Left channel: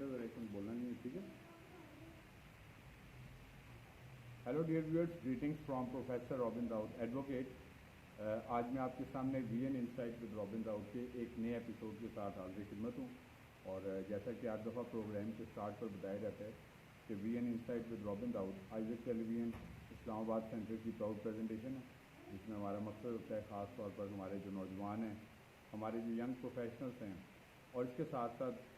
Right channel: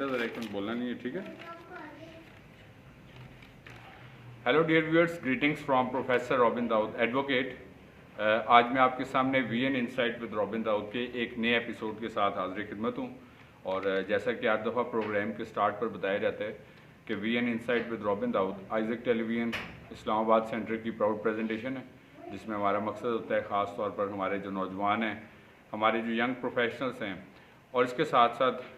बेटा ज़रा एक मिनट बोलना नहीं है, ठीक है। Hello dear viewers, greetings from professor robin Daud advocate. आज मैं आपके सामने VN insight with Robin Daud के एक नए एपिसोड के साथ हाजिर खिदमत हूँ। और जैसा कि हर दफ़ा प्रोग्राम के स्टार्ट पर बताया जाता है कि VN insight with Robin Daud Isaac television Islamabad centre की प्राउड प्रेजेंटेशन है, जिसमें हमारा मकसद होता है ख़ास तौर पर हमारे जो नौजवान हैं, हमारे जो यंग प्रोफेशनल्स हैं और इसके साथ साथ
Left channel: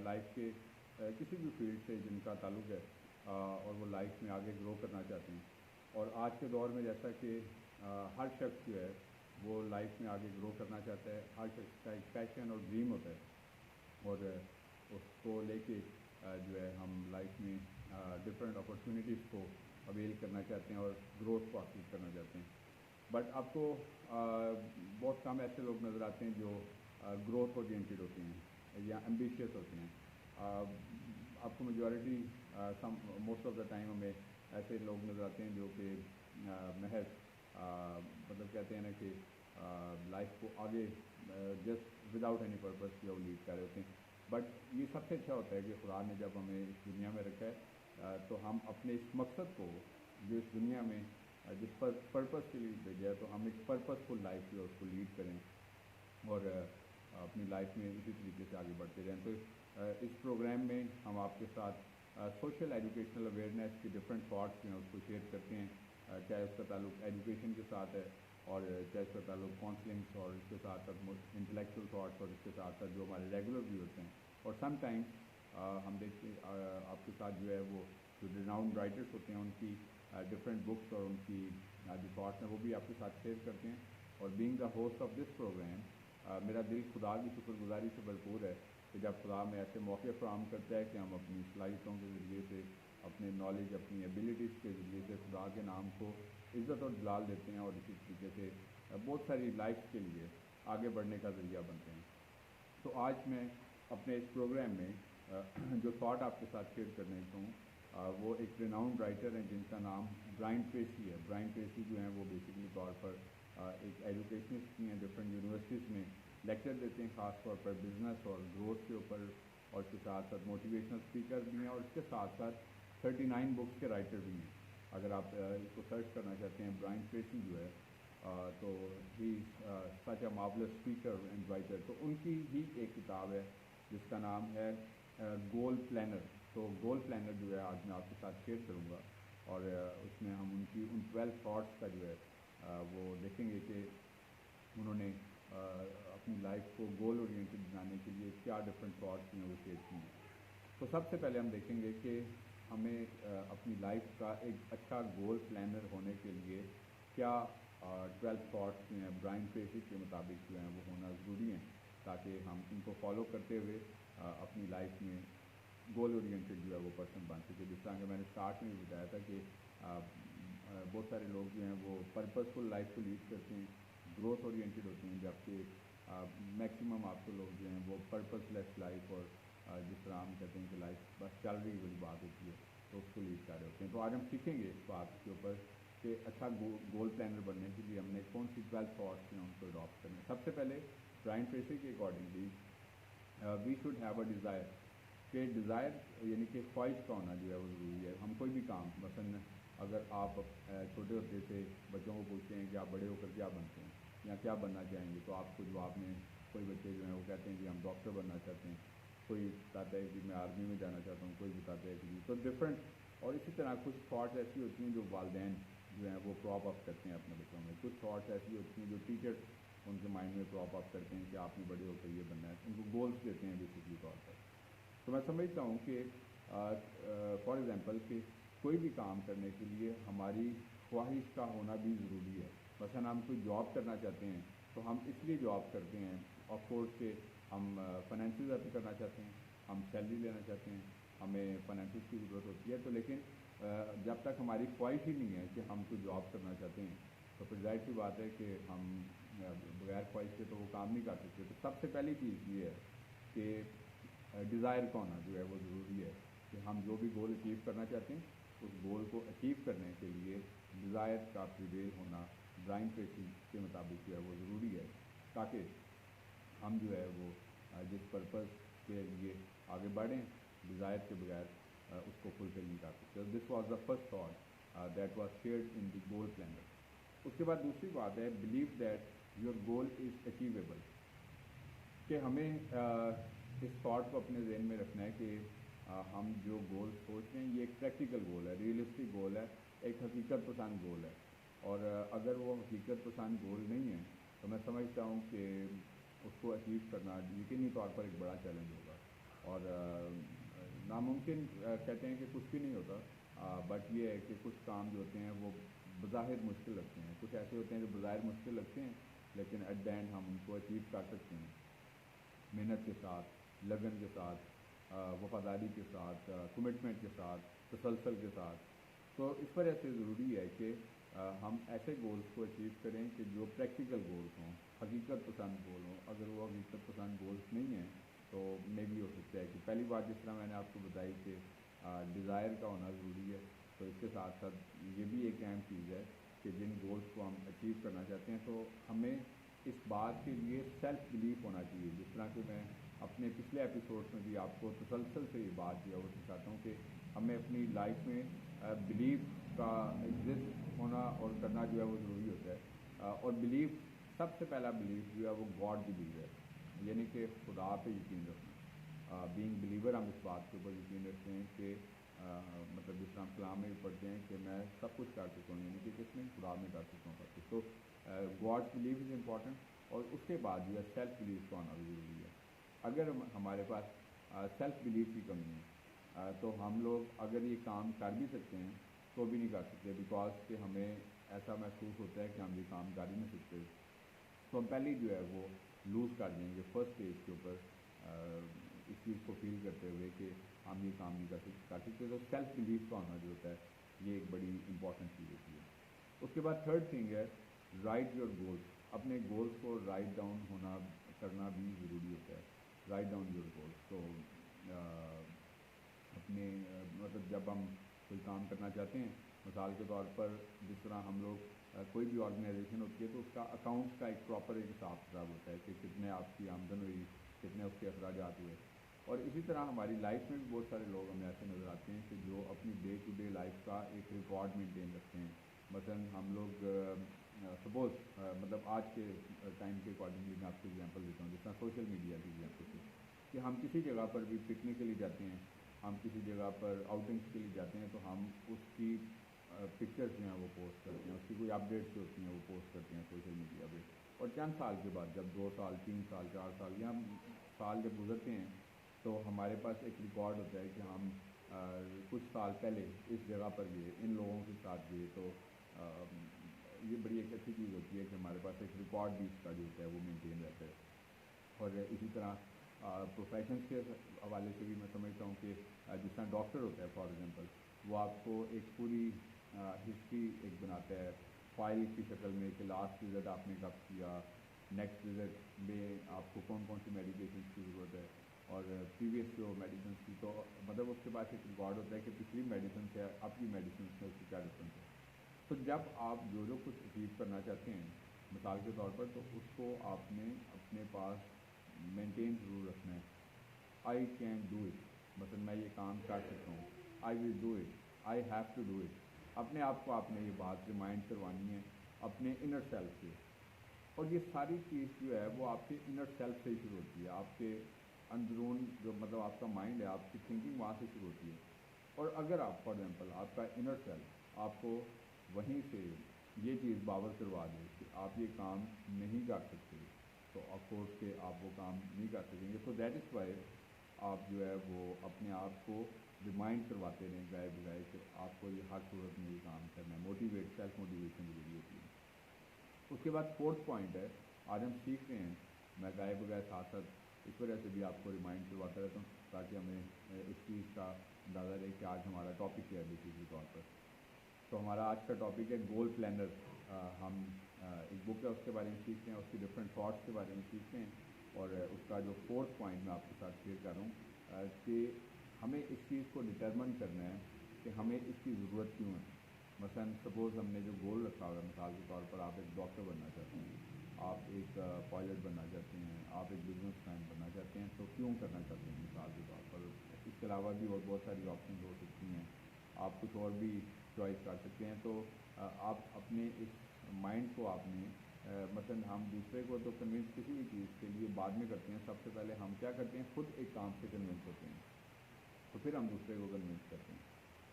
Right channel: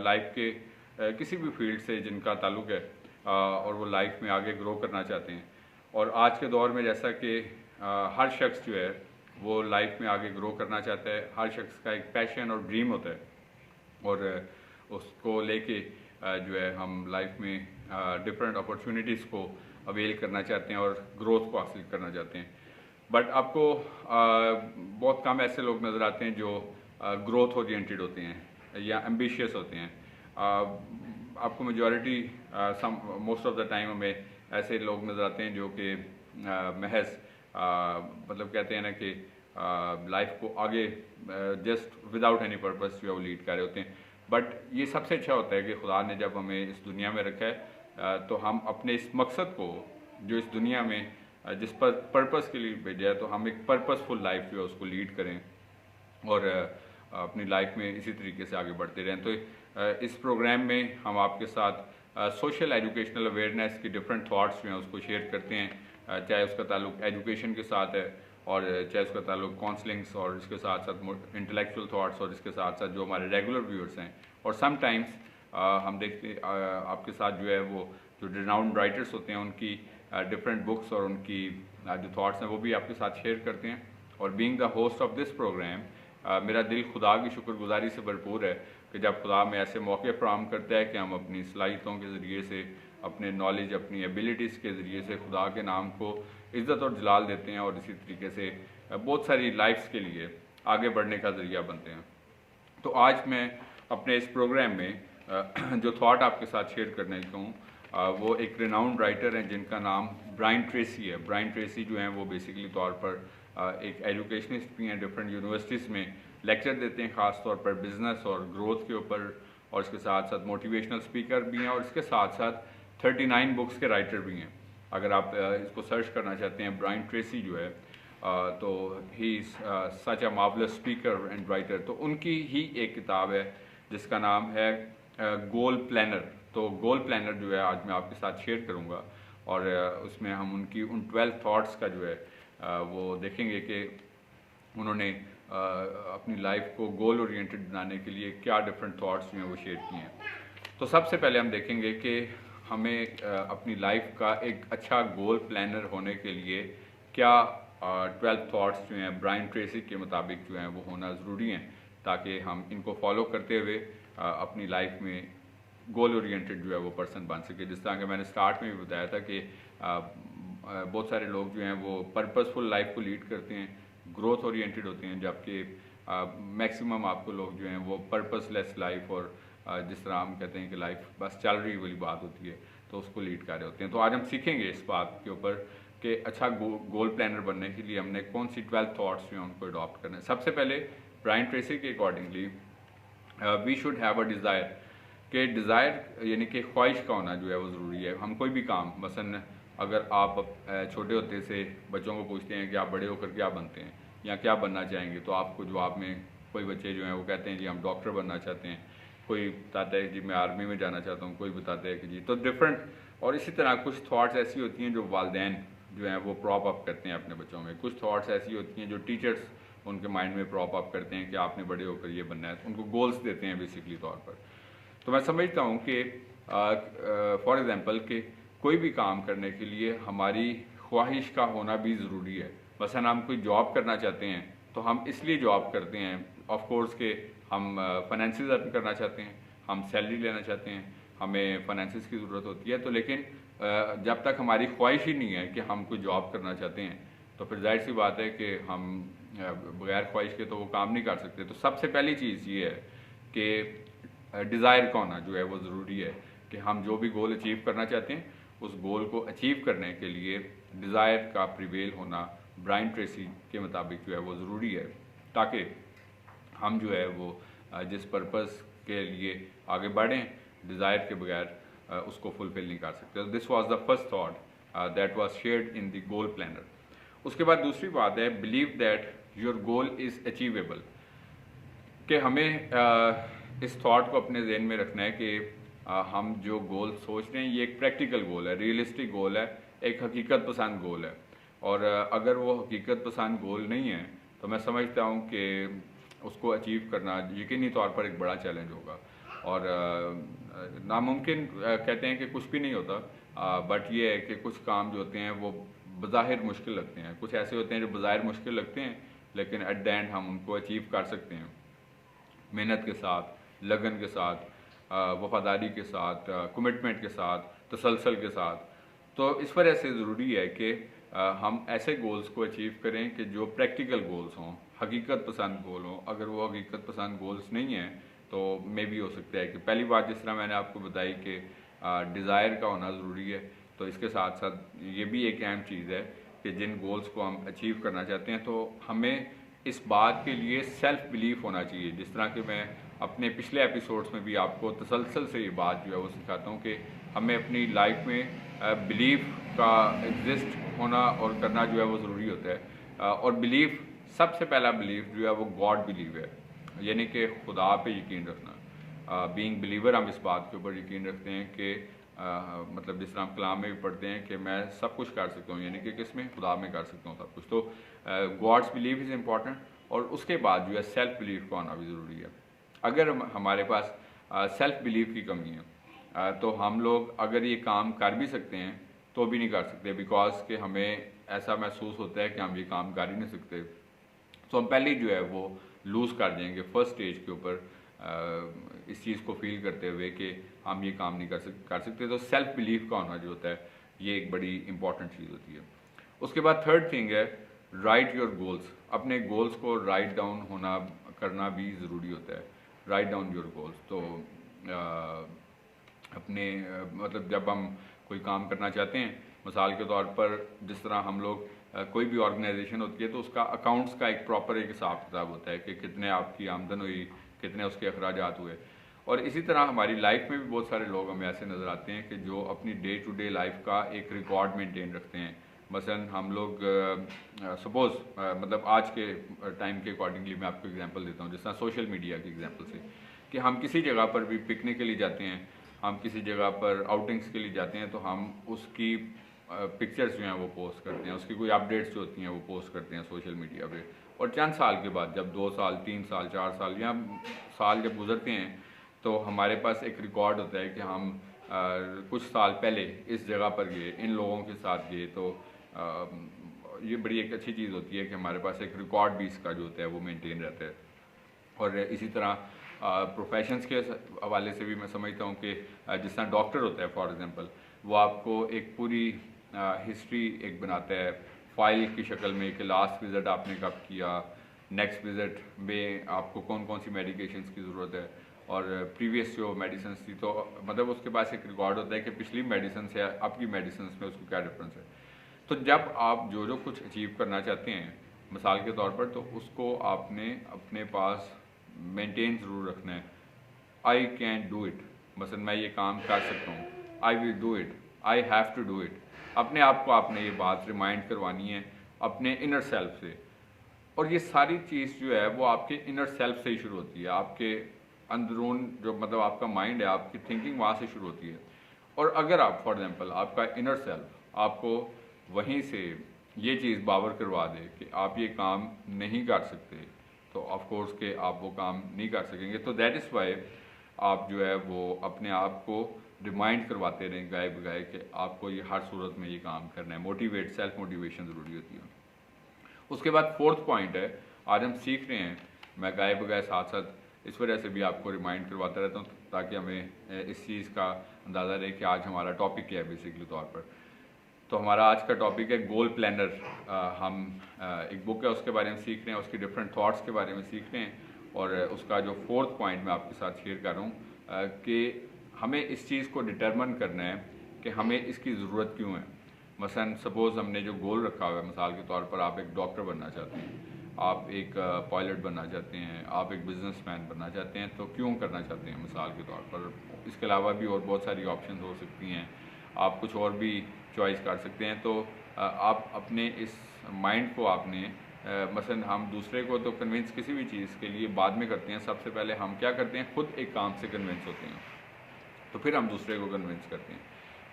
लाइफ के किसी भी फील्ड से जिनका ताल्लुक़ है और वो लाइफ में आगे ग्रो करना चाहते हैं। और आज के दौर में जैसा कि हर शख्स जो है वो लाइफ में आगे ग्रो करना चाहता है, हर शख्स का एक पैशन और ड्रीम होता है और उसको लेके जो है हम लाइफ में डिफरेंट अपॉर्चुनिटीज़ को अवेल करना चाहते हैं और ग्रोथ को हासिल करना चाहते हैं। बट आपको बहुत कम ऐसे लोग नज़र आते हैं जो ग्रोथ ओरिएंटेड होते हैं या एम्बिशियस होते हैं। आपको majority most of the time हमें ऐसे लोग नज़र आते हैं जो कि महज मतलब कहते हैं ना कि लाइफ को आगे जस्ट विदाउट एनी पर्पस जो है वो लीड कर रहे होते हैं। बट ये सबसे अच्छा होता है कि खुदा ने जब हमें इस दुनिया में रखा है तो हम अपने इस मकसद को जो इस दुनिया में जिस पर पर्पस के लिए भेजा है तो हम एक पर्पसफुल लाइफ जो है उसको लीड करें और अपनी लाइफ में इसी तरीके से आगे बढ़ते रहें। तो इस प्रोग्राम में हम आपके साथ सोशल एजुकेशनल अवेयरनेस की डिफरेंट थाट्स जो हैं उसको शेयर करते हैं, चाहे उसका ताल्लुक एजुकेशन के साथ है और चाहे उसका ताल्लुक काउंसलिंग्स और इसके साथ साथ इंटेलेक्चुअल थाट्स और इसके साथ साथ जो हमारे रेगुलर व्यूअर्स हैं। और समटाइम्स हम देखते आपके साथ जो है वो जो रिनाउंड राइटर्स होते हैं उनकी डिफरेंट बुक्स और उनकी जो थाट्स हैं वो भी आपके साथ शेयर करते हैं। और being the host of this programme मेरा दिल खुदा की शुक्रगुजारी से भरपूर है कि जब खुदा में ऐसे मौके फराहम करता है कि हम अपनी सलाहियतों के ज़रिए से, अपने नॉलेज, अपनी एबिलिटीज़ के ज़रिए से खुदा के नाम को इज़्ज़त और जलाल देते हैं और इसी तरीके से बहुत सारी लाइफ्स के लिए आगे बढ़ने का ज़रिया बनते हैं। तो आज मैं अपने इस प्रोग्राम में जो थाट आपके साथ शेयर करने को हूँ वो एक रिनाउंड राइटर हैं जिनका नाम ब्रायन ट्रेसी है। ब्रायन ट्रेसी जो हैं वो बेसिकली तौर पर एक एजुकेशनिस्ट भी हैं, डिफरेंट यूनिवर्सिटीज़ में लेक्चर देते हैं ख़ास तौर पर बिज़नेस और ग्रोथ के ऊपर, और इसके साथ साथ मोटिवेशनल स्पीकर भी हैं और इसके साथ साथ 39 बुक्स के राइटर भी हैं। अगर आप इसको सर्च करना चाहते हैं ब्रायन ट्रेसी जो है तो he is such a marvellous speaker and writer. तो उनकी ही एक किताब है जिसका नाम है गोल प्लानर। तो गोल प्लानर जो है आज मैं आपके साथ शेयर करूँगा और उसमें हम उनकी उन 12 थाट्स का जो है वो देखेंगे कि उन्होंने अपनी लाइफ को गोल ओरिएंटेड बनाने के लिए क्या डिफरेंट थाट्स जो हैं वो शेयर किए हैं। तो सबसे पहले हम देखेंगे कि हमें अपनी लाइफ का एक अच्छा गोल प्लानर होने के लिए क्या 12 थाट्स जो हैं ब्रायन ट्रेसी के मुताबिक जो हैं वो होना ज़रूरी हैं, ताकि हम इनको फॉलो करते हुए अपनी लाइफ में गोल ओरिएंटेड जो है वो पर्सन बन सके। जिस तरह कि मैंने स्टार्ट में भी बताया था कि बहुत सारे लोग जो हैं वो पर्पसफुल लाइफ को लीड करते हैं, ग्रोथ ओरिएंटेड होते हैं, जबकि मैक्सिमम आपको लोग जो हैं वो पर्पसलेस लाइफ और जिस तरह हम कहते हैं कि लाइफ बस चल रही वाली बात होती है तो उसको लीड कर रहे होते हैं। तो आज हम सीखेंगे इस बात के ऊपर कि अच्छा गोल प्लानर बनने के लिए हमने कौन सी 12 थाट्स जो हैं उनको अडॉप्ट करना है। सबसे पहले ब्रायन ट्रेसी के accordingly we should have a desire, कि डिज़ायर यानी कि ख्वाहिश का होना जो है वो ज़रूरी है। हम कोई भी काम, मसलन अगर आप छोटे होते से बच्चों को पूछते हैं कि आप बड़े होकर क्या बनते हैं या क्या बनना चाहेंगे, तो आपको जवाब में कोई बच्चे जो हैं वो कहते हैं जी हम डॉक्टर बनना चाहते हैं, कोई बताता है जी मैं आर्मी में जाना चाहता हूँ, कोई बताता है कि जी तो डिफरेंट। और इसी तरह कुछ थाट्स ऐसी होती हैं जो वालिदैन जो हैं वो प्रॉप अप करते हैं अपने बच्चों में, कुछ थाट्स ऐसी होती हैं जो टीचर्स उनके माइंड में प्रॉप अप करते हैं कि आपने बड़े होकर ये बनना है, उनको गोल्स देते हैं बेसिकली तौर पर। तो मैं समझता हूँ कि फॉर एग्ज़ाम्पल कि कोई भी काम करने के लिए हमारी ख्वाहिश का होना भी ज़रूरी है। मसलन हम कोई जॉब करना चाहते हैं तो हम इसलिए जॉब करते हैं ऑफ कोर्स कि हम फाइनेंसेस अर्न करना चाहते हैं, हम सैलरी लेना चाहते हैं, हमें फाइनेंसेस की ज़रूरत होती है। तो लेकिन जब तक हमारी ख्वाहिश ही नहीं है कि हम कोई जॉब करना चाहते हैं तो फिर जाहिर सी बात है कि हम बगैर ख्वाहिश के तो वो काम नहीं कर सकते। तो सबसे पहली चीज़ ये है कि डिज़ायर का होना जो है वो ज़रूरी है कि हम जो भी गोल अचीव करना चाहते हैं उस गोल को अचीव करने के लिए डिज़ायर का प्रिवेल होना ब्रायन ट्रेसी के मुताबिक जो है वो ज़रूरी है, ताकि हम जो है वो जिस पर्पस के लिए आगे बढ़ें डिज़ायर के बगैर उसको फुलफ़िल नहीं कर सकते। This was the first thought that was shared in the goal planner. उसके बाद दूसरी बात है believe that your goal is achievable, कि हमें इस थॉट को अपने जहन में रखना है कि हम जो गोल सोच रहे हैं ये एक प्रैक्टिकल गोल है, रियलिस्टिक गोल है, एक हकीकत पसंद गोल है। और अगर वो हकीकत पसंद गोल नहीं है तो मैं समझता हूँ कि उसको अचीव करना यकीनी तौर पर एक बड़ा चैलेंज होगा। और नामुमकिन कहते हैं कि कुछ भी नहीं होता, बट ये है कि कुछ काम जो होते हैं वो बज़ाहिर मुश्किल लगते हैं, कुछ ऐसे होते हैं जो बज़ाहिर मुश्किल लगते हैं लेकिन एट द एंड हम उनको अचीव कर सकते हैं मेहनत के साथ, लगन के साथ, वफादारी के साथ, कमिटमेंट के साथ, तसलसल के साथ। तो इस वजह से ज़रूरी है कि हम ऐसे गोल्स को अचीव करें कि जो प्रैक्टिकल गोल्स हों, हकीकत पसंद गोल हों। अगर वो हकीकत पसंद गोल्स नहीं हैं तो मे भी हो सकता है कि पहली बात जिस तरह मैंने आपको बताई कि डिज़ायर का होना ज़रूरी है, तो इसके साथ साथ ये भी एक अहम चीज़ है कि जिन गोल्स को हम अचीव करना चाहते हैं तो हमें इस बात के लिए सेल्फ बिलीफ होना चाहिए। जिस तरह कि मैं अपने पिछले एपिसोड्स में भी आपको तसलसल से ये बात जो है वो सिखाता हूँ कि हमें अपनी लाइफ में बिलीफ का एग्जिस्ट होना और करना जो है वो ज़रूरी होता है। और बिलीफ, सबसे पहला बिलीफ जो है वो गॉड बिलीव है, यानी कि खुदा पे यकीन रखना। बीइंग बिलीवर हम इस बात के ऊपर यकीन रखते हैं कि मतलब जिस तरह हम कलाम में भी पढ़ते हैं कि मैं सब कुछ कर सकता हूँ, यानी कि किसमें, खुदा में कर सकता हूँ सब कुछ। तो गॉड्स बिलीव इज़ इम्पॉर्टेंट। और उसके बाद जो है सेल्फ बिलीव का होना भी ज़रूरी है। अगर हमारे पास सेल्फ बिलीव की कमी है तो हम लोग अगर ये काम कर भी सकते हैं तो भी नहीं कर सकते, बिकॉज कि हमें ऐसा महसूस होता है कि हम ये काम कर ही नहीं सकते। तो हम पहले जो है वो लूज़ कर जाएंगे फर्स्ट स्टेज के ऊपर इस चीज़ को फील करते हुए कि हम ये काम नहीं कर सकते। तो सेल्फ बिलीव का होना जो होता है ये एक बड़ी इंपॉर्टेंट चीज़ होती है। उसके बाद थर्ड थिंग है राइट योर गोल्स। अपने गोल्स को राइट डाउन होना करना भी ज़रूरी होता है। Write down your goals. तो अपने मतलब जब हम कोई काम करना चाहते हैं, मिसाल के तौर पर जिस तरह हम लोग कोई भी ऑर्गेनाइजेशन होती है तो उसका अकाउंट्स का एक प्रॉपर एक हिसाब किताब होता है कि कितने आपकी आमदन हुई, कितने उसके अखराजात हुए। और इसी तरह हमारी लाइफ में भी बहुत सारे लोग हमें ऐसे नज़र आते हैं कि जो अपनी डे टू डे लाइफ का एक रिकॉर्ड मेंटेन रखते हैं। मसलन हम लोग सपोज़ मतलब आज के टाइम के अकॉर्डिंगली मैं आपको एग्जांपल देता हूँ, जिस तरह सोशल मीडिया की एग्जांपल से, कि हम किसी जगह पर भी पिकनिक के लिए जाते हैं, हम किसी जगह पर आउटिंग्स के लिए जाते हैं तो हम उसकी पिक्चर्स जो हैं वो पोस्ट करते हैं, उसकी कोई अपडेट्स जो होती हैं वो पोस्ट करते हैं सोशल मीडिया पे। और चंद साल के बाद जब 2 साल 3 साल 4 साल या साल जब गुजरते हैं तो हमारे पास एक रिकॉर्ड होता है कि हम कुछ साल पहले इस जगह पर गए, इन लोगों के साथ गए। तो ये बड़ी एक अच्छी चीज़ होती है कि हमारे पास एक रिकॉर्ड भी इसका जो होता है वो मेंटेन रहता है। और इसी तरह प्रोफेशंस के हवाले से भी मैं समझता हूँ कि जिस तरह डॉक्टर होता है फॉर एग्ज़ाम्पल, वो आपको एक पूरी हिस्ट्री एक बनाता है फाइल की शक्ल में कि लास्ट विज़िट आपने कब किया, नेक्स्ट विज़िट में आपको कौन कौन सी मेडिकेशंस की ज़रूरत है और प्रीवियस जो मेडिसिन थी, तो मतलब उसके पास एक रिकॉर्ड होता है कि पिछली मेडिसिन से आपकी मेडिसिन में उसको क्या डिफरेंस है। तो जब आप जो कुछ अचीव करना चाहते हैं मिसाल के तौर पर, तो उसको आपने अपने पास मेंटेन ज़रूर रखना है। आई कैन डू इट, मसलन मैं ये काम कर सकता हूँ, I will do it, I have to do it. अपने आप को आपने ये बात रिमाइंड करवानी है अपने इनर सेल्फ से। और ये सारी चीज़ जो है वो आपके इनर सेल्फ से ही शुरू होती है, आपके अंदरून जो मतलब आपका माइंड है, आपकी थिंकिंग वहाँ से शुरू होती है। और अगर आप फॉर एग्जांपल आपका इनर सेल्फ आपको वहीं से ये चीज़ बावर करवा दे कि आप ये काम नहीं कर सकते, तो ऑफ कोर्स के आप वो काम नहीं कर सकेंगे। तो दैट इज़ वाई आप जो है वो अपने आप को रिमाइंड करवाते रहें गाए बगाए कि आपको ये हर सूरत में ये काम करना है। मोटिवेट, सेल्फ मोटिवेशन ज़रूरी होती है। उसके बाद फोर्थ पॉइंट है, आज हम सीख रहे हैं, मैं गाए बगाए साथ साथ इस वजह से भी आपको रिमाइंड करवाता रहता हूँ ताकि हमें इस चीज़ का अंदाज़ा रहे कि आज हमारा टॉपिक क्या है बेसिकली तौर पर। तो हमारा आज का टॉपिक है गोल प्लानर। हम एक बुक है उसके बारे में सीख रहे हैं, उसकी डिफरेंट थॉट्स के बारे में सीख रहे हैं। और उसका जो फोर्थ पॉइंट मैं आपके साथ शेयर कर रहा हूँ कि हमें इस चीज़ को डिटरमिन करना है कि हमें इसकी ज़रूरत क्यों है। मसलन सपोज़ हमने जो गोल रखा हुआ है, मिसाल के तौर पर आप एक डॉक्टर बनना चाहते हैं, आप एक पायलट बनना चाहते हैं, आप एक बिजनेसमैन बनना चाहते हैं, तो क्यों करना चाहते हैं मिसाल के तौर पर। इसके अलावा भी और बहुत सारी ऑप्शन हो सकती हैं, आप कुछ और भी चॉइस कर सकते हैं। तो आप अपने इस माइंड को आपने मसलन हम दूसरे को तो कन्विंस किसी भी चीज़ के लिए बाद में करते हैं, सबसे पहले हम क्या करते हैं, खुद एक काम से कन्विंस होते हैं, तो फिर हम दूसरे को कन्विंस करते हैं।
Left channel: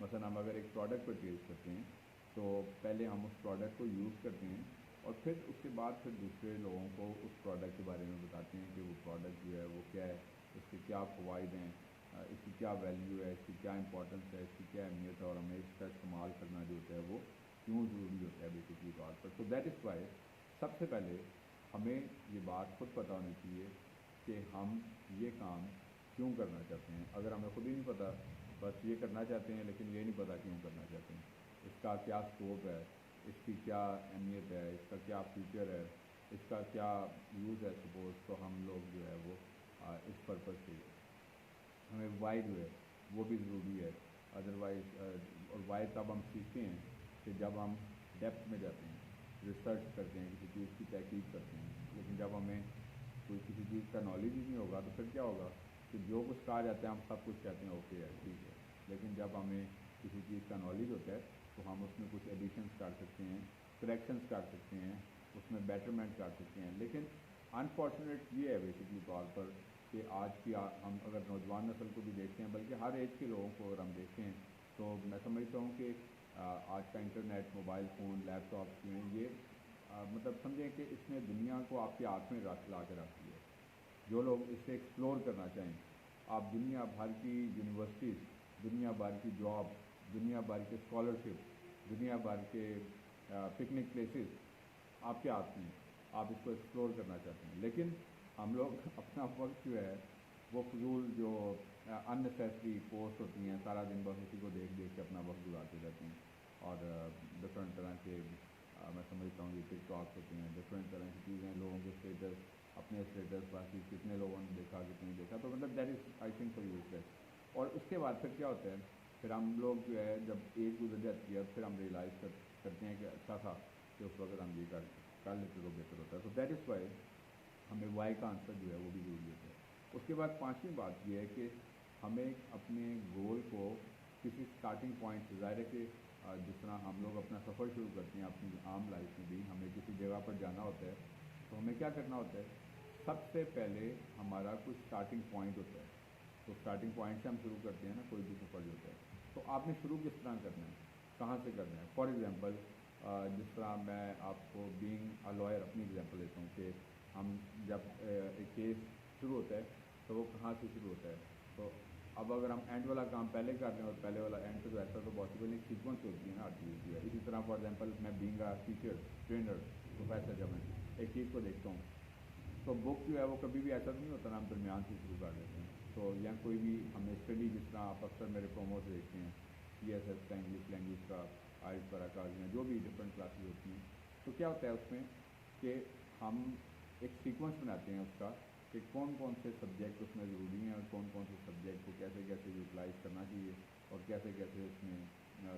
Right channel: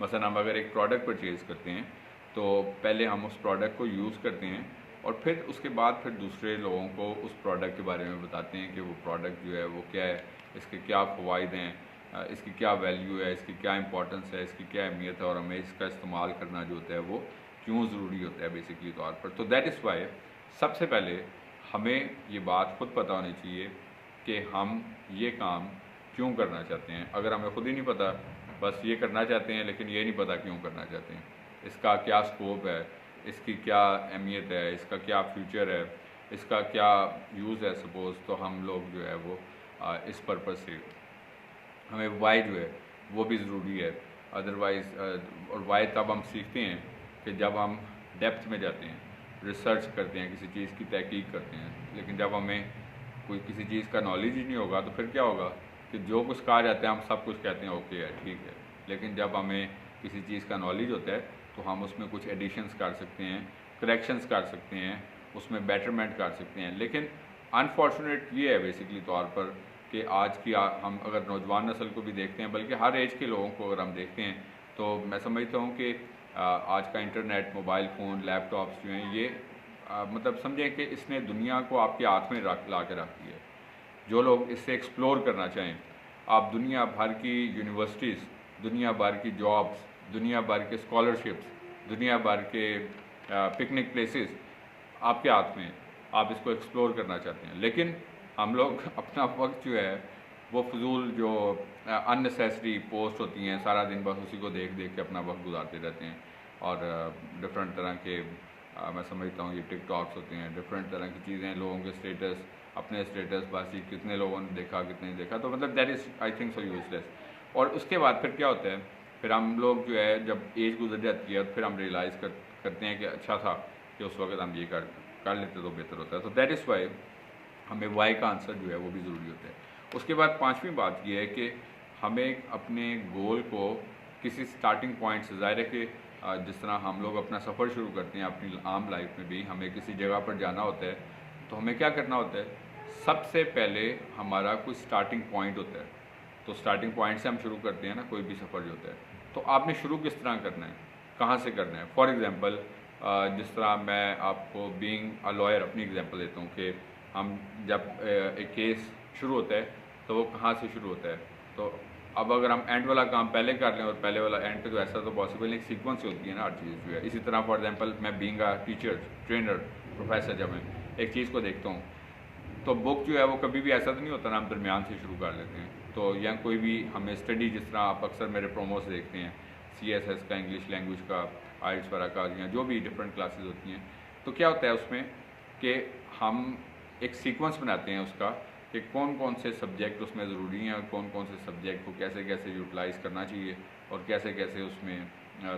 मसलन हम अगर एक प्रोडक्ट परचेज़ करते हैं तो पहले हम उस प्रोडक्ट को यूज़ करते हैं और फिर उसके बाद फिर दूसरे लोगों को उस प्रोडक्ट के बारे में बताते हैं कि वो प्रोडक्ट जो है वो क्या है, इसके क्या फ़वाइद हैं, इसकी क्या वैल्यू है, इसकी क्या इंपॉर्टेंस है, इसकी क्या अहमियत है और हमें इसका इस्तेमाल करना जो होता है वो क्यों ज़रूरी होता है बेसिकली तौर पर। तो दैट इज़ वाई सबसे पहले हमें ये बात खुद पता होनी चाहिए कि हम ये काम क्यों करना चाहते हैं। अगर हमें खुद ही नहीं पता, बस ये करना चाहते हैं लेकिन ये नहीं पता क्यों करना चाहते हैं, इसका क्या स्कोप है, इसकी क्या अहमियत है, इसका क्या फ्यूचर है, इसका क्या यूज़ है सपोज़, तो हम लोग जो है वो इस पर्पज़ से हमें वाई जो है वो भी ज़रूरी है। अदरवाइज़ और वाई तब हम सीखते हैं कि जब हम डेप्थ में जाते हैं, रिसर्च करते हैं, किसी चीज़ की तहकीक करते हैं। लेकिन जब हमें कोई किसी चीज़ का नॉलेज ही नहीं होगा तो फिर क्या होगा कि जो कुछ कहा जाता है हम सब कुछ कहते हैं ओके है, ठीक है। लेकिन जब हमें किसी चीज़ का नॉलेज होता है तो हम उसमें कुछ एडिशंस कर सकते हैं, करेक्शंस कर सकते हैं, उसमें बेटरमेंट कर सकते हैं। लेकिन अनफॉर्चुनेट ये है बेसिकली तौर पर कि आज की हम अगर नौजवान नस्ल को भी देखते हैं, बल्कि हर एज के लोगों को अगर हम देखते हैं, तो मैं समझता हूँ कि आज का इंटरनेट, मोबाइल फ़ोन, लैपटॉप्स जो हैं ये मतलब समझें कि इसने दुनिया को आपके हाथ में ला के रख दिया है। जो लोग इससे एक्सप्लोर करना चाहें, आप दुनिया भर की यूनिवर्सिटीज़, दुनिया भर की जॉब्स, दुनिया भर के स्कॉलरशिप्स, दुनिया भर के पिकनिक प्लेसेस आपके हाथ में है, आप इसको एक्सप्लोर करना चाहते हैं। लेकिन हम लोग अपना वक्त जो है वो फजूल जो अननेसेसरी पोस्ट होती हैं, सारा दिन बस उसी को देख देख के अपना वक्त गुजारते रहते हैं। और डिफरेंट तरह के मैं समझता हूँ ये टिकटॉक्स होते हैं, डिफरेंट तरह की चीज़ें, लोगों के स्टेटस, अपने स्टेटस बासी कितने लोगों ने देखा कितने नहीं देखा, तो मतलब that is I think so useless. और उसके बाद फिर क्या होता है, फिर हम लोग जो है जब एज गुजर जाती है फिर हम रियलाइज़ करते हैं कि अच्छा था कि उस वक्त हम ये कर लेते तो बेहतर होता है। तो दैट इज़ वाई हमें वाई का आंसर जो है वो भी ज़रूरी होता है। उसके बाद पाँचवीं बात ये है कि हमें अपने गोल को किसी स्टार्टिंग पॉइंट से, ज़ाहिर है कि जिस तरह हम लोग अपना सफ़र शुरू करते हैं अपनी आम लाइफ में भी, हमें किसी जगह पर जाना होता है तो हमें क्या करना होता है, सबसे पहले हमारा कोई स्टार्टिंग पॉइंट होता है। तो स्टार्टिंग पॉइंट से हम शुरू करते हैं ना कोई भी सफ़र जो होता है, तो आपने शुरू किस तरह करना है, कहाँ से करना है। फॉर एग्ज़ाम्पल जिस तरह मैं आपको बीइंग अ लॉयर अपनी एग्ज़ाम्पल देता हूँ कि हम जब एक केस शुरू होता है तो वो कहाँ से शुरू होता है। तो अब अगर हम एंड वाला काम पहले कर लें और पहले वाला एंड पे, तो ऐसा तो पॉसिबल नहीं, सीक्वेंस होती है ना हर चीज़ जो है। इसी तरह फॉर एग्जांपल मैं being a teacher, trainer, professor, जब मैं एक चीज़ को देखता हूँ तो बुक जो है वो कभी भी ऐसा तो नहीं होता ना हम दरमियान से शुरू कर लेते हैं। तो या कोई भी हमें स्टडी, जिस तरह आप अक्सर मेरे प्रोमोस देखते हैं CSS का, इंग्लिश लैंग्वेज का, आइट्स वगैरह का, या जो भी डिफरेंट क्लासेस होती हैं, तो क्या होता है उसमें कि हम एक सीक्वेंस बनाते हैं उसका कि कौन कौन से सब्जेक्ट उसमें ज़रूरी हैं और कौन कौन से सब्जेक्ट को कैसे कैसे यूटिलाइज़ करना चाहिए और कैसे कैसे उसमें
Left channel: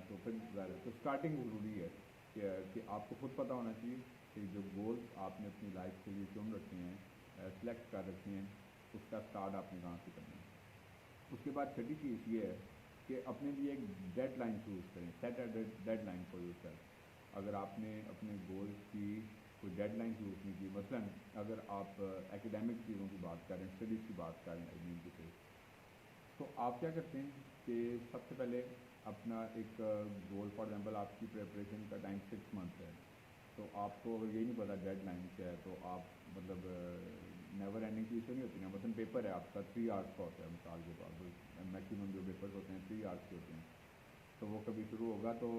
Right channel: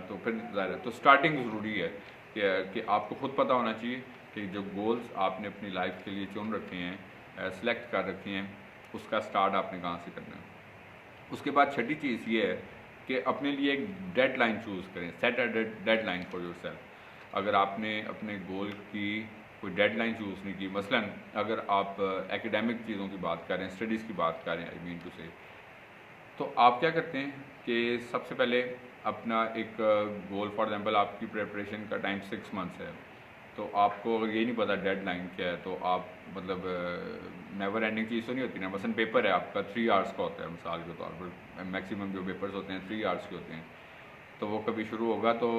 तो फिर ज़ाहिर है तो स्टार्टिंग ज़रूरी है कि आपको खुद पता होना चाहिए कि जो गोल्स आपने अपनी लाइफ के लिए चुन रखे हैं, सेलेक्ट कर रखे हैं, उसका स्टार्ट आपने कहाँ से करना है। उसके बाद छठी चीज़ ये है कि अपने लिए एक डेडलाइन चूज़ करें, set a deadline for yourself. अगर आपने अपने गोल की कोई डेडलाइन चूज़ नहीं की, मसलन अगर आप एकेडमिक चीज़ों की बात करें, स्टडीज़ की बात करें, आई मीन टू से, तो आप क्या करते हैं कि सबसे पहले अपना एक गोल, फॉर एग्जांपल आपकी प्रिपरेशन का टाइम 6 मंथ्स है, तो आपको अगर ये नहीं पता डेडलाइन क्या है तो आप मतलब नेवर एंडिंग चीज़ तो नहीं होती ना। मसलन पेपर है आपका 3 आवर्स का होता है, मिसाल के तौर पर मैक्सिमम जो पेपर्स होते हैं 3 आवर्स के होते हैं, तो वो कभी शुरू होगा तो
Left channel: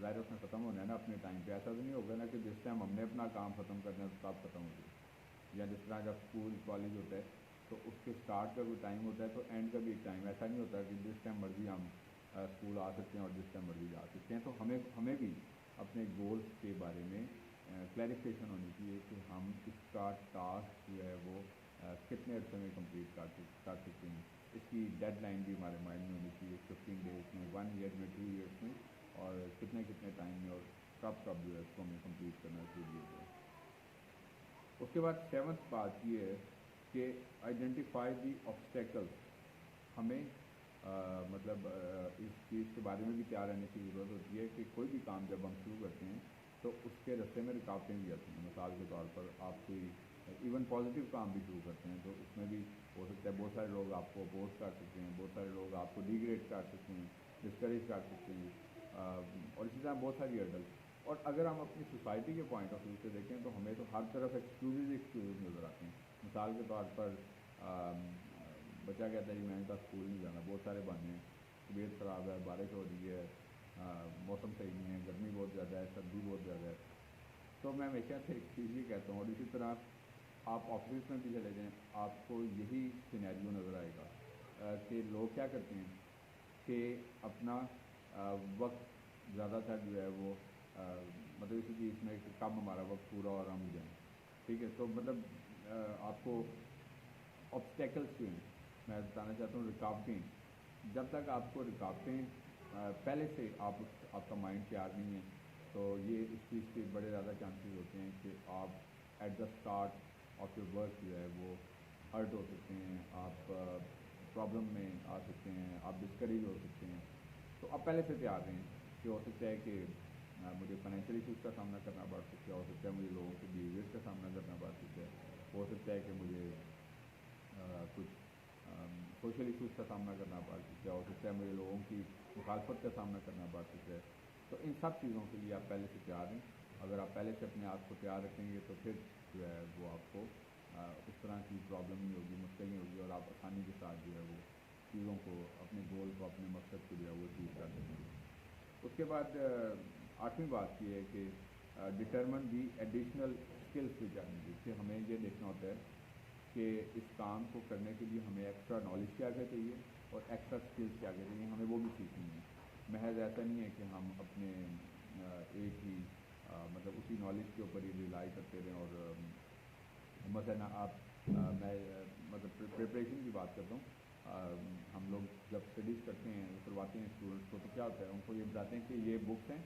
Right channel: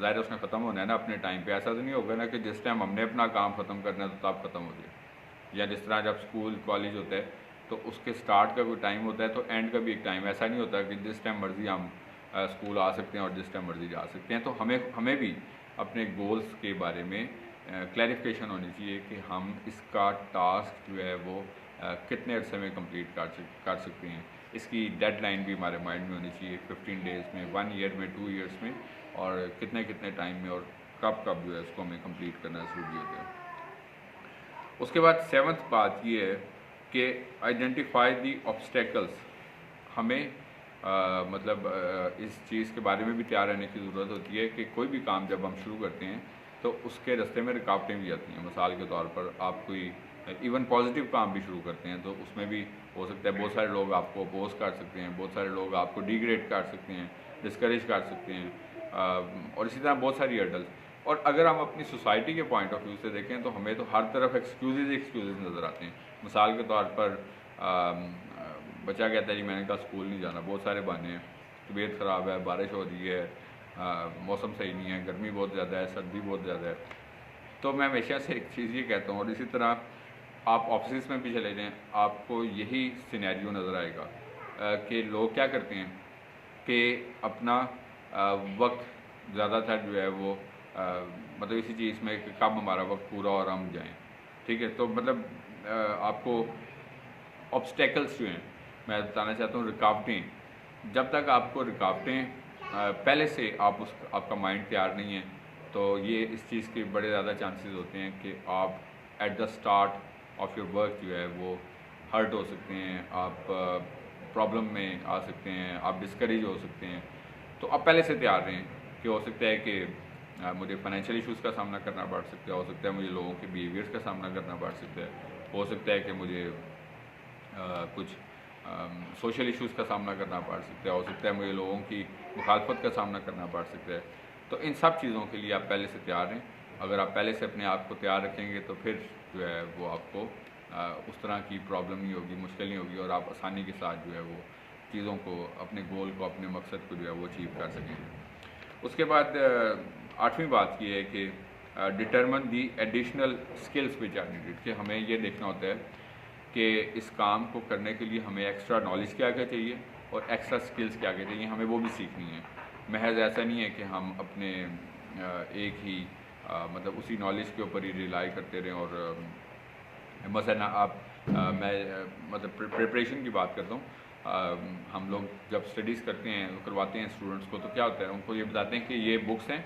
ज़ाहिर है उसमें ख़त्म होना है ना अपने टाइम पे। ऐसा तो नहीं होगा ना कि जिस टाइम हमने अपना काम ख़त्म करना है तो तब ख़त्म हो जाए। या जिस तरह जब स्कूल कॉलेज होता है तो उसके स्टार्ट का कोई टाइम होता है तो एंड का भी एक टाइम, ऐसा नहीं होता कि जिस टाइम मर्ज़ी हम स्कूल आ सकते हैं और जिस टाइम मर्ज़ी जा सकते हैं। तो हमें भी अपने गोल्स के बारे में क्लैरिफिकेशन होनी चाहिए कि हम इसका टास्क जो है वो कितने अरसे में कंप्लीट कर सकते हैं। इसकी डेडलाइन भी हमारे माइंड में होनी चाहिए, 15 डेज़ में, 1 ईयर में, 2 ईयर्स में, और कितने कितने टाइम में और कब कब जो है उसको हमें कंप्लीट करना ज़रूरी होता है। उसके बाद सेवन्थ बात ये है कि आइडेंटिफाई दी ऑब्स्टेकल्स। हमें इस चीज़ के बारे में भी तैयार रहने की ज़रूरत होती है कि कोई भी काम जब हम शुरू करते हैं तो उसके रास्ते में रुकावटें भी आती हैं। मिसाल के तौर पर आप कोई इवन पॉजिटिव काम भी शुरू करते हैं तो उसमें भी हो सकता है बहुत सारे लोग आपको अपोज कर सकते हैं, बहुत सारे लोग आपको डिग्रेड कर सकते हैं, डिस्करेज कर सकते हैं, और इसी तरह बहुत सारी हर्डल्स। और अगर हम अपनी सोसाइटी के पॉइंट ऑफ व्यू से देखें तो हमें तो हर तरफ एक्सक्यूज़ नज़र आते हैं। मिसाल के तौर पर बच्चा कहता है जी मैंने कहा स्कूल नहीं जाना, बहुत सारे बहाने हैं, तबीयत ख़राब है, बारिश हो रही है, मौसम सही नहीं है, गर्मी बहुत ज़्यादा है, सर्दी बहुत ज़्यादा है। तो मैं हमेशा से एक चीज़ ये कहता हूँ, और इसी तरह आप ऑफिस में भी चले जाएँ आपको यही सिनेरियो नज़र आएगा कि लोग क्या करते हैं कि अपना वक्त ज़्यादातर जो है वो इसी चीज़ में कि कब हमारा वक्त पूरा और हम जाएँ, ठीक है। तो आपको ऑब्स्टेकल्स जो हैं, मैं बताना चाहता हूँ रुकावटें, जब तक आपको रुकावटें पहले से आपका माइंड तैयार नहीं है तो ये इस चीज़ के बड़े ज़्यादा चांसेस होते हैं कि आप at the start of your work जो है वो हर्ट हो सकते हैं, आप प्रॉब्लम में आ सकते हैं, आप डिस्करेज हो सकते हैं। तो आप पहले से तैयार रहें कि हो सकता है कि मुझे फाइनेंशियल इश्यूज़ का सामना करना पड़ सकता है, हो सकता है मुझे लोगों के बिहेवियर्स का सामना करना पड़ सकता है, हो सकता है कि मुझे कुछ सोशल इश्यूज़ का सामना करना पड़ सकता है, हो सकता है मुझे लोगों की मुखालफत का सामना करना पड़ सकता है। तो इन सब चीज़ों के लिए आप पहले से तैयार रहें। अगर आप पहले से अपने आप को तैयार रखेंगे तो फिर जो है वो आपको उस तरह की प्रॉब्लम नहीं होगी, मुश्किल नहीं होगी, और आप आसानी के साथ जो है वो चीज़ों को, अपने गोल को, अपने मकसद को जो है वो अचीव कर सकेंगे। उसके बाद 8वीं बात ये है कि determine the additional skills which are needed, कि हमें ये देखना होता है कि इस काम को करने के लिए हमें एक्स्ट्रा नॉलेज क्या क्या चाहिए और एक्स्ट्रा स्किल्स क्या क्या चाहिए, हमें वो भी सीखनी है। महज ऐसा नहीं है कि हम अपने एक ही उसी नॉलेज के ऊपर ही रिलाई करते रहें। और मसलन मैं प्रिपरेशन की बात करता हूँ, हम लोग जब स्टडीज़ करते हैं, करवाते हैं स्टूडेंट्स को, तो क्या होता है उनको ये बताते हैं कि ये बुक्स हैं,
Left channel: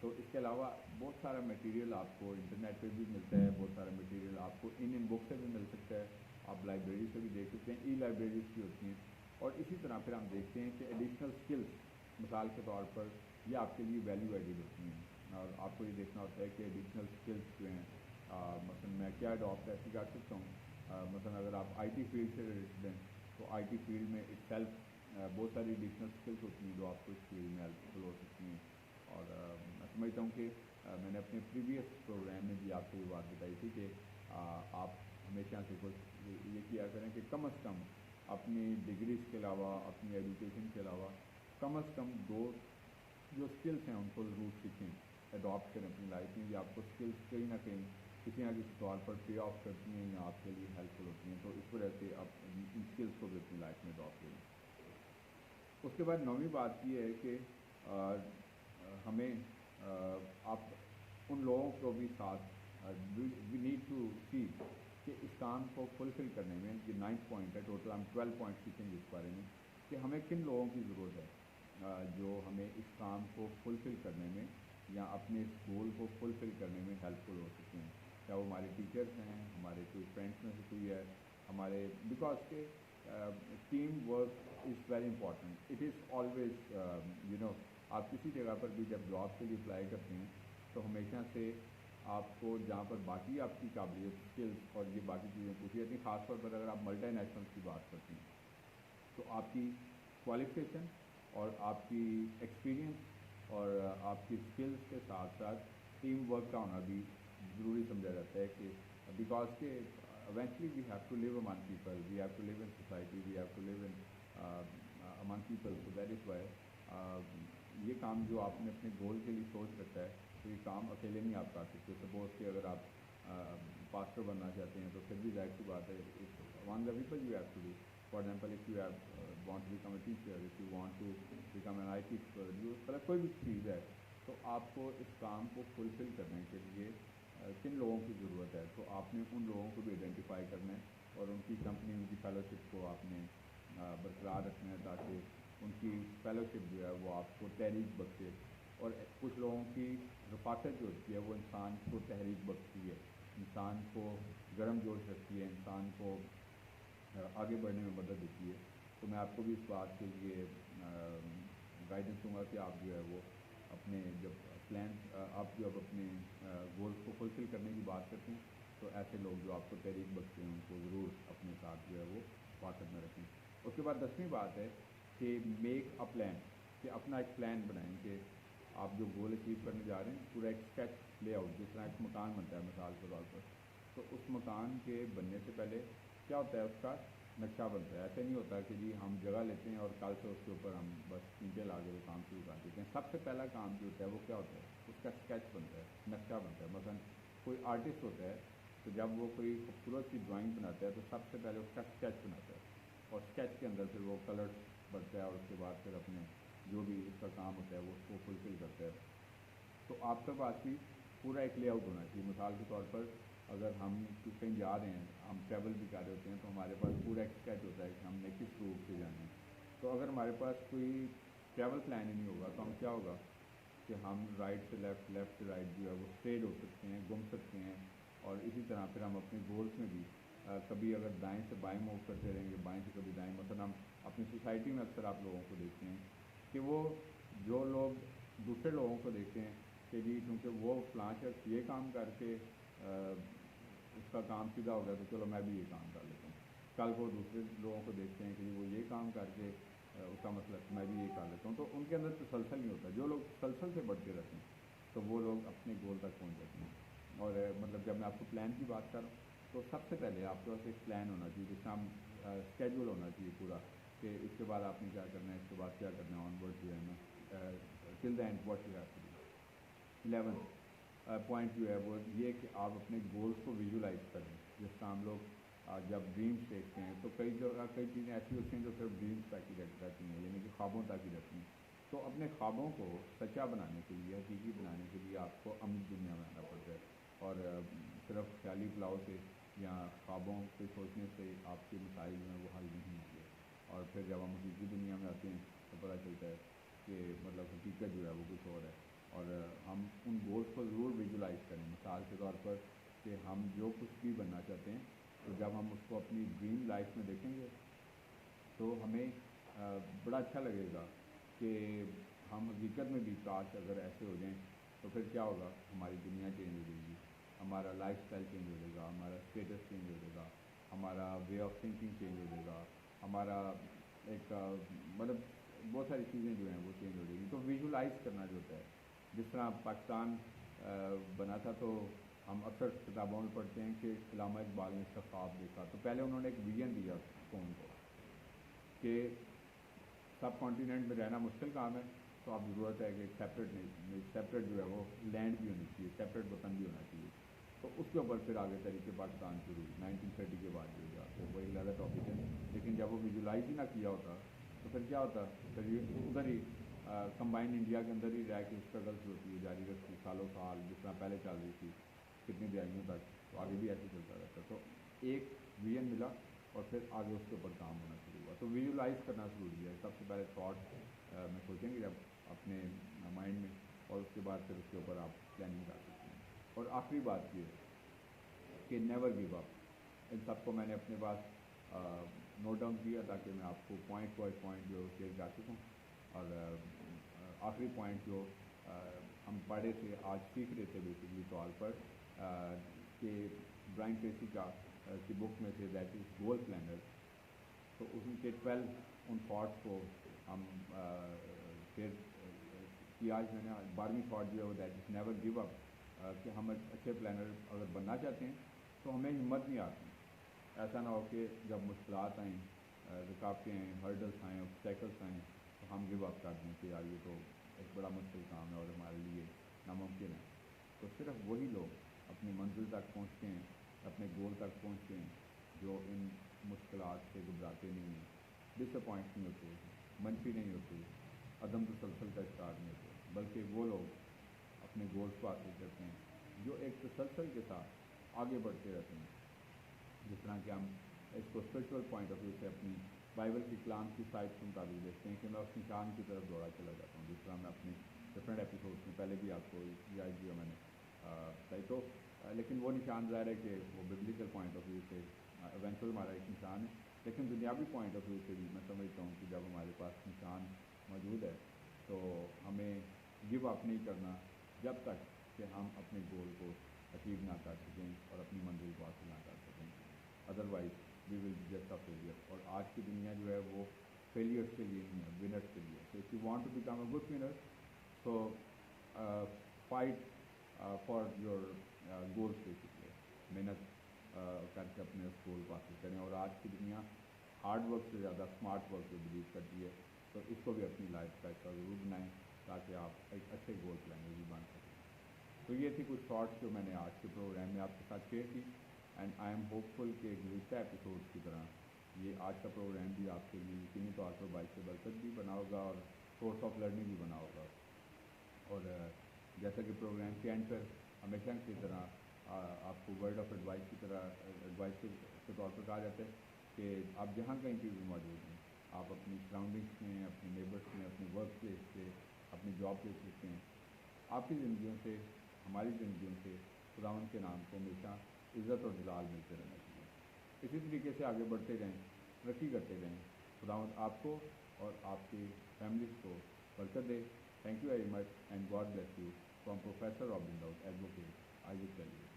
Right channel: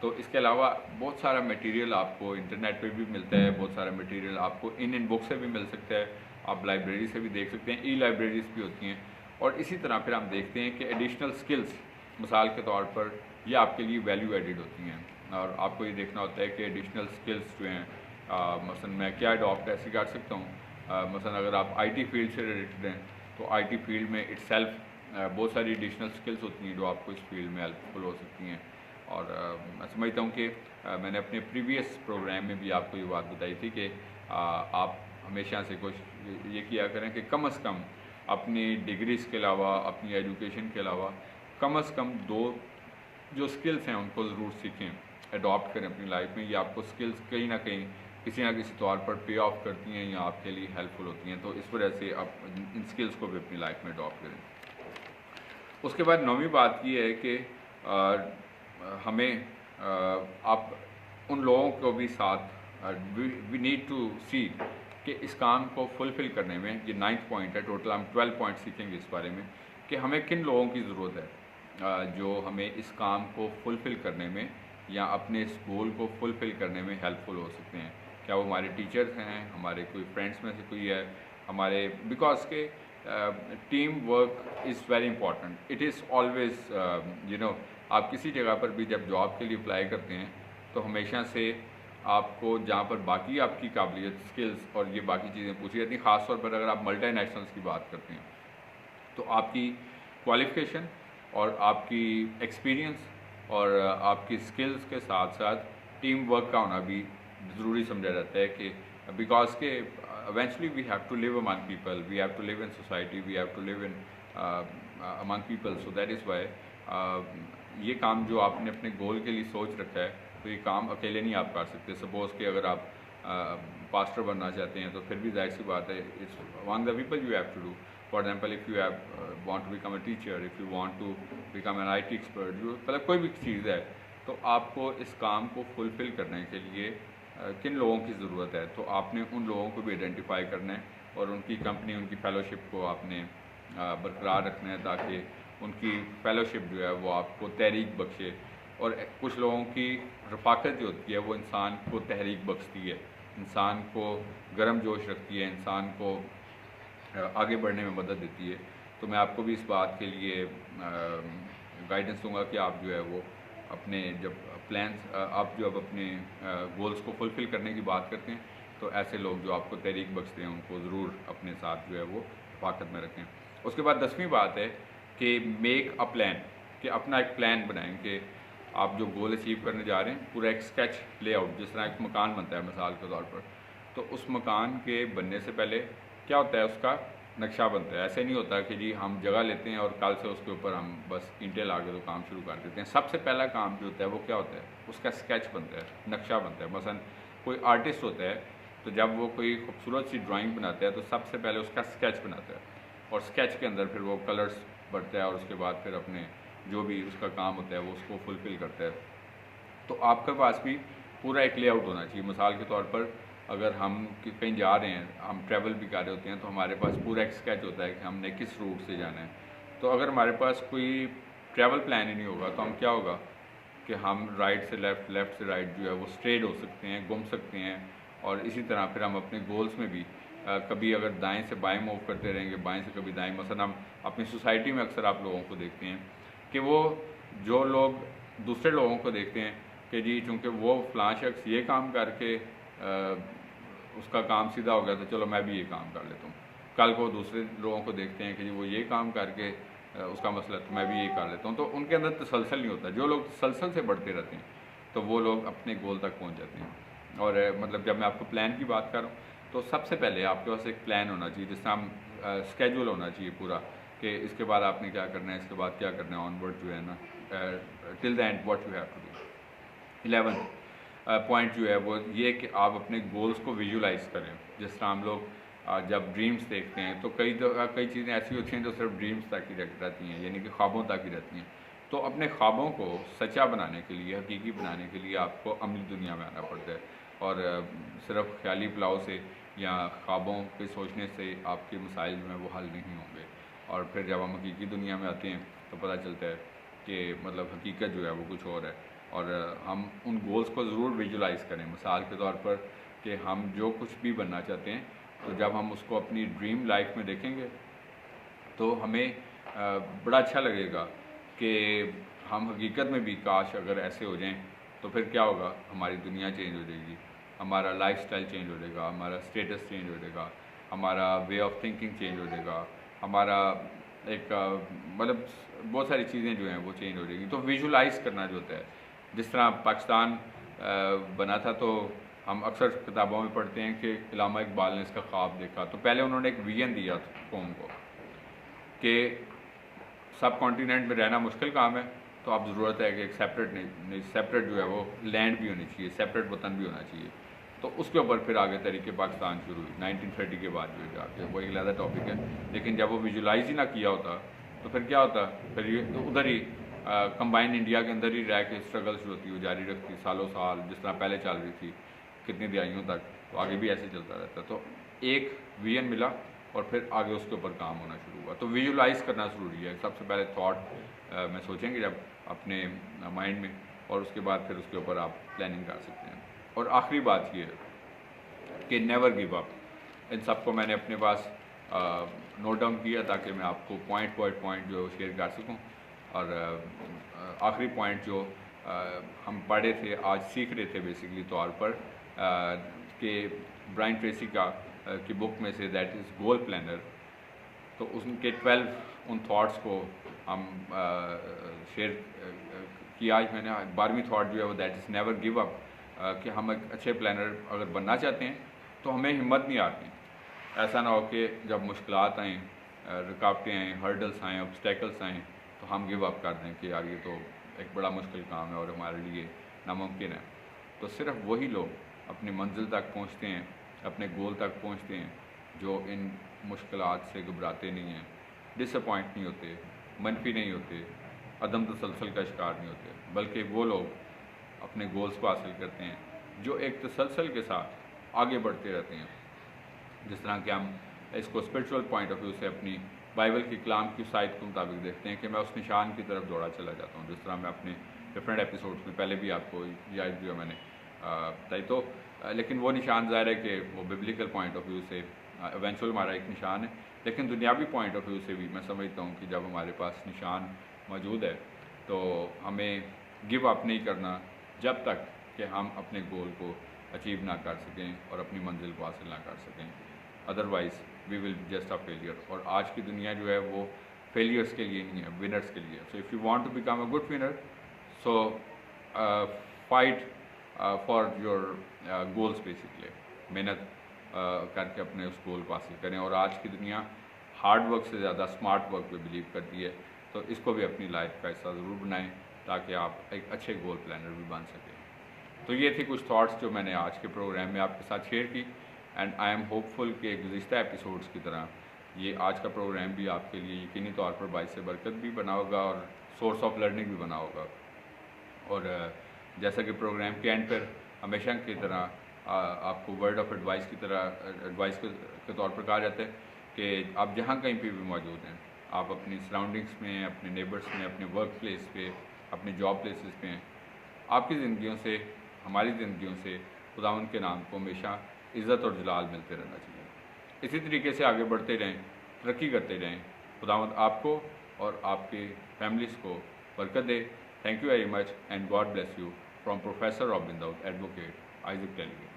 तो इसके अलावा बहुत सारा मटेरियल आपको इंटरनेट पे भी मिलता है, बहुत सारा मटेरियल आपको इन बुक से भी मिल सकता है, आप लाइब्रेरी से भी देख सकते हैं, ई लाइब्रेरीज़ भी होती हैं। और इसी तरह फिर हम देखते हैं कि एडिशनल स्किल्स, मिसाल के तौर पर ये आपके लिए वैल्यू एडिड होती हैं, और आपको ये देखना होता है कि एडिशनल स्किल्स जो हैं, मसलन मैं क्या अडॉप्ट ऐसे कर सकता हूँ। मसलन अगर आप आईटी फील्ड से रिलेटेड हैं तो आईटी फील्ड में इटसेल्फ बहुत सारी एडिशनल स्किल्स होती हैं जो आपको इस फील्ड में हेल्पफुल हो सकती हैं। और मैं समझता हूँ कि मैंने अपने प्रीवियस प्रोग्राम में भी आपको ये बात बताई थी कि आप हमेशा से कोशिश ये किया करें कि कम से कम अपनी डिग्रीज़ के अलावा, अपनी एजुकेशन के अलावा कम से कम 2 जो स्किल्स हैं उनको ज़रूर सीखें, अडॉप्ट करें अपनी लाइफ में। ये आपको स्किल्स कहीं ना कहीं किसी ना किसी तौर पर पे ऑफ करती हैं या आपके लिए हेल्पफुल होती हैं, तो इस वजह से आप इन स्किल्स को भी अपनी लाइफ में अडॉप्ट करें। उसके बाद 9वीं बात ये है कि हमें आप उन लोगों को भी साथ वी नीड टू सी कि इस काम को फुलफ़िल करने में, ये 9th पॉइंट है, टोटल हम 12 पॉइंट सीखेंगे इस बारे में कि हमें किन लोगों की ज़रूरत है जो हमें इस काम को फुलफ़िल करने में या अपने इस गोल को फुलफ़िल करने में हेल्पफुल हो सकते हैं। क्या वो हमारे टीचर्स हैं, हमारे कोई फ्रेंड्स में से कोई है, हमारे, बिकॉज के team work is very important. It is always आप किसी जगह पर भी जब जॉब के लिए अप्लाई करते हैं तो हमेशा से आपको जहाँ पर बाकी आपकी काबिलियत, स्किल्स और ये बाकी चीज़ें पूछी जाती हैं, ख़ासतौर पर अगर आप मल्टीनेशनल्स की बात करते हैं तो आपकी क्वालिफ़िकेशन और आपकी एक्सपीरियंस और आपकी स्किल्स के साथ साथ टीम वर्क का होना भी ज़रूरी समझा जाता है कि बिकॉज के eventually we have to live among people, we have to live in society, we have to live in among people, so that is why ये काम जो आपने अपने गोल के लिए सोच रखा है तो ये काम अकेले नहीं आप कर सकते। सपोज़ कि अगर आप पास्टर बनना चाहते हैं तो फिर भी जाहिर सी बात है it's one the people you have to do. For example if you have want to become a teacher, if you want to become an IT expert, मतलब कोई भी चीज़ है, तो आपको इस काम को फुलफ़िल करने के लिए किन लोगों की ज़रूरत है, तो आपने उन लोगों को भी आइडेंटिफाई करना है और उनकी कंपनी, उनकी फ़ेलोशिप को आपने बरकरार रखना है ताकि उनकी फ़ेलोशिप जो है वो आपको तहरीक बख्शे। और कुछ लोगों की रफ़ाकत जो होती है वो इंसान को तहरीक बख्शती है, इंसान को गर्म जोश रखती है, इंसान को आगे बढ़ने में मदद देती है। तो मैं आपको भी इस बात के लिए गाइडेंस दूंगा कि आप जो है वो अपने जब प्लान्स आप जो अब अपने गोल्स को फुलफ़िल करने की बात करते हैं तो ऐसे लोग जो आपको तहरीक बख्शते हैं उनको ज़रूर अपने साथ जो है वो हिफाजत में रखें। उसके बाद 10वीं बात है कि मेक अ प्लान, कि अपना एक प्लान बनाएं कि आप जो गोल अचीव करने जा रहे हैं पूरा एक स्केच लेआउट, जिस तरह एक मकान बनता है मिसाल के तौर पर, तो उस मकान के बनने से पहले क्या होता है, उसका नक्शा बनता है। ऐसे नहीं होता कि जी हम जगह लेते हैं और कल से उसके ऊपर हम बस ईंटें ला के तो काम शुरू कर देते हैं। सबसे पहला काम जो होता है वो क्या होता है, उसका स्केच बनता है, नक्शा बनता है। मसलन कोई आर्टिस्ट होता है तो जब वो कोई खूबसूरत सी ड्राइंग बनाता है तो सबसे पहले उसका स्केच बनाता है और स्केच के अंदर फिर वो कलर्स भरता है और उसके बाद फिर अपने जो भी उसका काम होता है वो उसको फुलफ़िल करता है। तो आपके पास भी पूरा एक लेआउट होना चाहिए। मिसाल के तौर पर अगर हम कहीं जा रहे हैं, हम ट्रैवल भी कर रहे होते हैं, तो हमारे पास पूरा एक स्केच होता है कि हमने किस रूट से जाना है। तो अगर हमारे पास कोई ट्रैवल प्लान ही नहीं होगा तो हम क्या होगा कि हम राइट से लेफ़्ट, लेफ़्ट से राइट जो है वो स्ट्रेट हो सकते हैं, घूम सकते हैं। और इसी तरह फिर हम अपने गोल्स में भी कभी अगर दाएं से बाएं मूव करते रहेंगे, बाएं से कभी दाएं। मसलन हम अपनी सोसाइटी में अक्सर आप लोगों को देखते हैं कि वो जो लोग दूसरे लोगों को देखते हैं कि जी चूँकि वो फ़लाँ शख्स ये काम करके उसका काम सीधा हो गया तो चलो मैं भी ये काम कर लेता हूँ। कल को दूसरे लोगों को देखते हैं कि जी वो ये काम करके उसका मसला तो मैं भी ये कर लेता हूँ। तो उनके अंदर तसलसल नहीं होता। जो लोग तसलसल से बढ़ते रहते हैं तो वो लोग अपने गोल तक पहुँच जाते हैं। और मतलब जब मैं आपको प्लान की बात कर रहा हूँ तो सबसे पहले आपके पास एक प्लान होना चाहिए, जिसका हम स्केड्यूल होना चाहिए पूरा, कि इसके बाद आपने क्या करना है, इसके बाद क्या करना है, ऑनवर्ड जो है ना, till the end what you have to do. 11 point जो है वो ये कि आप अपने गोल्स को विजुलाइज करें। जिस तरह हम लोग जब ड्रीम्स देखते हैं तो कई चीज़ें ऐसी होती हैं जो सिर्फ ड्रीम्स तक ही रहती हैं, यानी कि ख्वाबों तक ही रहती हैं। तो अपने ख्वाबों को सच्चा बनाने के लिए, हकीकी बनाने के लिए आपको अमली दुनिया में आना पड़ता है। और सिर्फ ख्याली पुलाव से या ख्वाबों पे सोचने से आपके मसाइल जो हैं वो हल नहीं होंगे। और फिर जब हम हकीकी दुनिया में आते हैं तो पता चलता है कि मतलब हकीकत जो है वो कुछ और है। और हम उन गोल्स को ज़रूर विजुलाइज़ करें। मिसाल के तौर पर कि हम जो कुछ भी बनना चाहते हैं तो जब हम उसको अपनी ड्रीम लाइफ में देखेंगे तो हमें बड़ा अच्छा लगेगा कि हम हकीकत में भी काश अगर ऐसे हो जाएं तो फिर क्या होगा, हमारी दुनिया चेंज हो जाएगी, हमारा लाइफस्टाइल चेंज हो जाएगा, हमारा स्टेटस चेंज हो जाएगा, हमारा वे ऑफ थिंकिंग चेंज हो जाएगा, हमारा एक मतलब बहुत सारी चीज़ें जो हैं वो चेंज हो जाएंगी। तो विजुलाइज़ करना जो होता है, जिस तरह पाकिस्तान बना था तो हम अक्सर किताबों में पढ़ते हैं कि इलामा इकबाल ने इसका ख्वाब देखा। तो पहले उन्होंने एक विजन दिया कौम को कि सब कॉन्टिनेंट में रहना मुश्किल काम है, तो अब ज़रूरत है कि एक सेपरेट जो है वो लैंड भी होनी चाहिए, सेपरेट वतन भी होना चाहिए। तो उसके ऊपर फिर आगे तरीके पाकिस्तान शुरू हुई 1930 के बाद जो जाके, वो एक अलग टॉपिक है। लेकिन जब वो विजुलाइज ही ना किया होता तो फिर क्या होता, फिर ये तो उधर ही कंबाइंड इंडिया के अंदर ही रह के स्ट्रगल्स जो होती है वो जारी रखती सालों साल, जिस तरह पहले चल रही थी कितनी दिहाइयों तक, तो आगे भी ऐसे चलता रहता। तो एक विजन मिला और फिर आगे उसके ऊपर काम होना शुरू हुआ। तो विजुलाइज़ करना ज़रूरी है। सबसे पहले थॉट में सोचेंगे जब अपने माइंड में, और उसके बाद फिर उसके ऊपर आप प्लानिंग कर सकते हैं। और आखिरी बात ये है कि नेवर गिव अप। इन सबको मैंने अपने पास नोट डाउन किया ताकि मैं आपको पॉइंट बाय पॉइंट जो शेयर कर सकूं। और आखिरी पॉइंट जो हम पढ़े थे, आज सीख रहे थे बेसिकली तौर पर कि ब्रायन ट्रेसी की बुक में say that is goal planner, तो उनके 12 उन थॉट्स को हम शेयर किया। आज मैंने 12वीं थॉट जो है वो that is never give up, कि हम एक अच्छे प्लानर अगर बनना चाहते हैं तो हमें हिम्मत नहीं आती। ऐसा ना हो कि जब मुश्किलात आएँ, रुकावटें आएँ, हर्डल्स आएँ, ऑब्स्टेकल्स आएँ तो हम गिव अप कर दें कि यार ये तो एक बड़ा मुश्किल काम है और हमारे लिए नामुमकिन है। तो सिर्फ वही लोग अपनी मंजिल तक पहुंचते हैं, अपने गोल तक पहुंचते हैं, जो इन मुश्किलात से घबराते नहीं हैं, डिसअपॉइंट नहीं होते, मनफी नहीं होते, अदम तसलसल का शिकार नहीं होते, बल्कि वो लोग अपने गोल्स को हासिल करते हैं जो एक तसलसल के साथ आगे बढ़ते रहते हैं। जिस तरह कि हम इसको स्पिरिचुअल पॉइंट ऑफ व्यू से अपनी बाइबल की कलाम की साइड के मुताबिक देखते हैं कि मैं उस निशान की तरफ दौड़ा चला जाता हूँ। जिस तरह मैं अपने डिफरेंट एपिसोड्स में पहले भी आपको याद दिया मैंने बताई। तो लेकिन वो निशान ज़ाहिर है कि वो बिब्लिकल पॉइंट ऑफ व्यू से एवेंचुअल हमारा एक निशान है, लेकिन दुनियावी पॉइंट ऑफ व्यू से भी मैं समझता हूँ कि जब हमारे पास निशान मौजूद है तो हमें गिव अप नहीं करना जब तक कि हम अपने गोल को अचीव ना कर सकें और अपनी मंजिल को हासिल ना कर सकें, otherwise we will just a failure. और आज की दुनिया जो है वो फेलियर्स के लिए नहीं है, विनर्स के लिए। So if you want to become a good winner, so fight for your goals basically, मेहनत करके अपने उस गोल को हासिल करें। और आज की दुनिया हार्ड वर्क से ज़्यादा स्मार्ट वर्क पे बिलीव करती है, तो इसको भी अपनी लाइफ का हिस्सा ज़रूर बनाएं ताकि आप एक अच्छे गोल प्लानर भी बन सकें। तो ये थी कुछ थॉट्स जो मैंने आज के प्रोग्राम में आपके साथ शेयर की, एंड आई एम होपफुल कि गुज़िश्ता एपिसोड्स की तरह ये आज का प्रोग्राम भी आपके लिए यकीनी तौर पर बाइस से बरकत भी बना होगा और सोर्स ऑफ लर्निंग भी बना होगा। और जैसा कि प्रोग्राम के एंड पर हमेशा की तरह आपको वर्ड ऑफ एडवाइस की तरह एडवाइस के तौर पर कहा जाता है कि आप जहाँ कहीं पे भी मौजूद हैं, आप अपनी सराउंडिंग्स में, अपने नेबर्स में, अपने वर्क प्लेस पे, अपने जॉब प्लेसेस पे हैं, आपकी ज़िंदगियों से, हमारी ज़िंदगियों से खुदावंद के नाम को हमेशा इज़्ज़त और जलाल मिलते रहना चाहिए। इसी तरीके से आगे बढ़ते रहें, तरक्की करते रहें। खुदावंद आपको और आपके फैमिलीज़ को बरकत दे। Thank you very much and God bless you from professor robin Daud, advocate Isaac टेलीवे।